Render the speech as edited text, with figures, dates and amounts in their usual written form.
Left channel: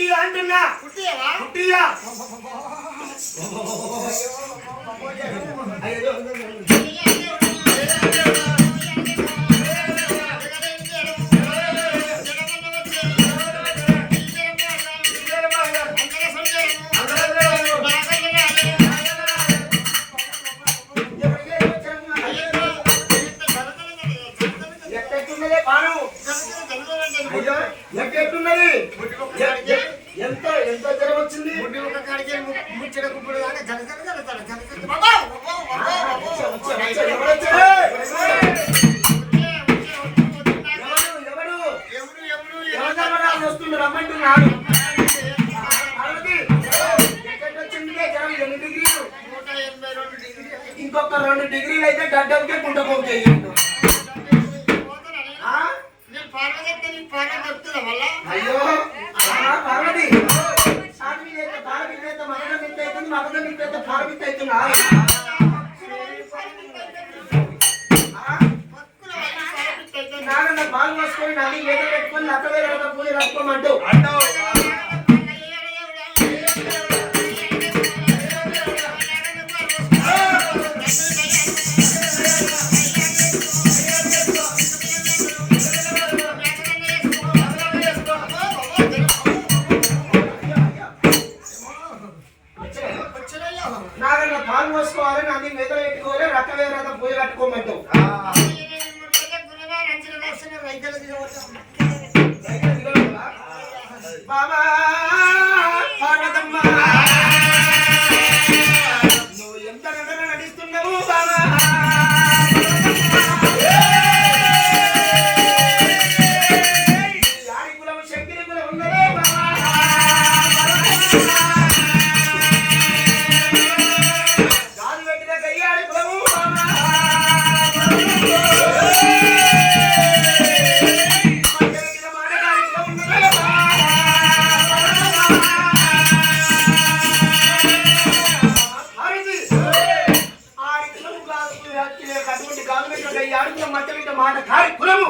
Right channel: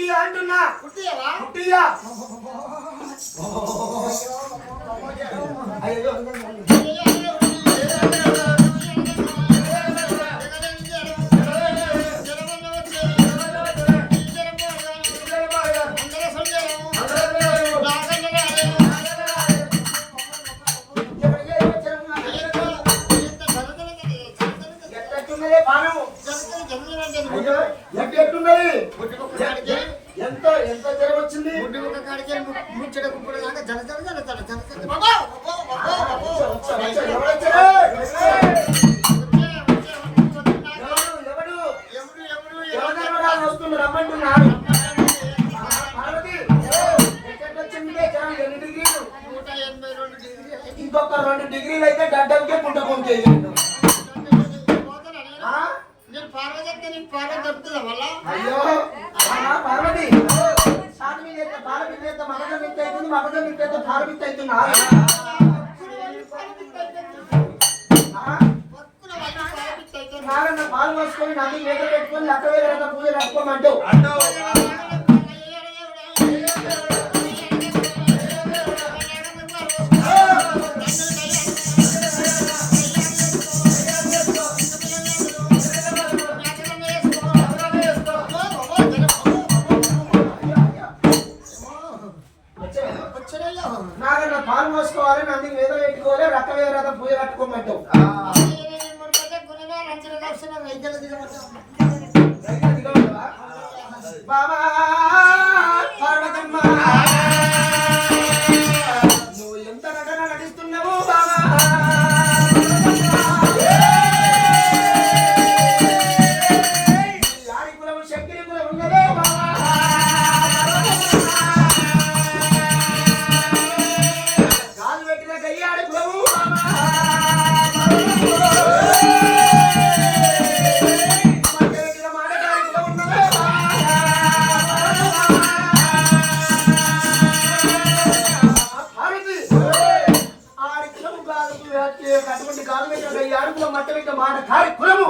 కుట్టియా అంటున్నా. కుట్టియా ఎట్టున్నది? ఎంత ఎంత జ్వరం వచ్చింది? ముచ్చట కుప్పుడు దాకా జల జల జల జల జల వస్తుంది రమ్మంటున్నాడు. వచ్చింది జ్వరం ఎన్ని డిగ్రీలు? 182 డిగ్రీలు. ఇంకొక 2 డిగ్రీలు అయితే గడ్డంకే గుంట పొందేయండు. అయ్యో పార్వతి పాలపిత్త మగజ మిత్త అవుతుంది, మగజ మిత్త అయితే పాలపిత్త అవుతుందా? నాన్న పాలు మోసుకొని నది మీద పెట్టుకొని లక్క వేరే పూజ కట్టుకోమంటూ నాగన్న పాలు మోసుకోవాలి, నంది మీద పెట్టుకోవాలి, రక్క వేరే పూజ కట్టుకోమంటూ బాబా పార్వతమ్మ నువ్వు ఎంత నటన నటిస్తున్నావు బాబా? యాడి కులం శక్తి కులం ఉన్నదే బాబా? గాలి పెట్టిన గయ్యాడి కులము బాబా? అటువంటి కాలు పెట్టిన 5 అడుగుల మధ్య పెట్టిన మాట కారి కులము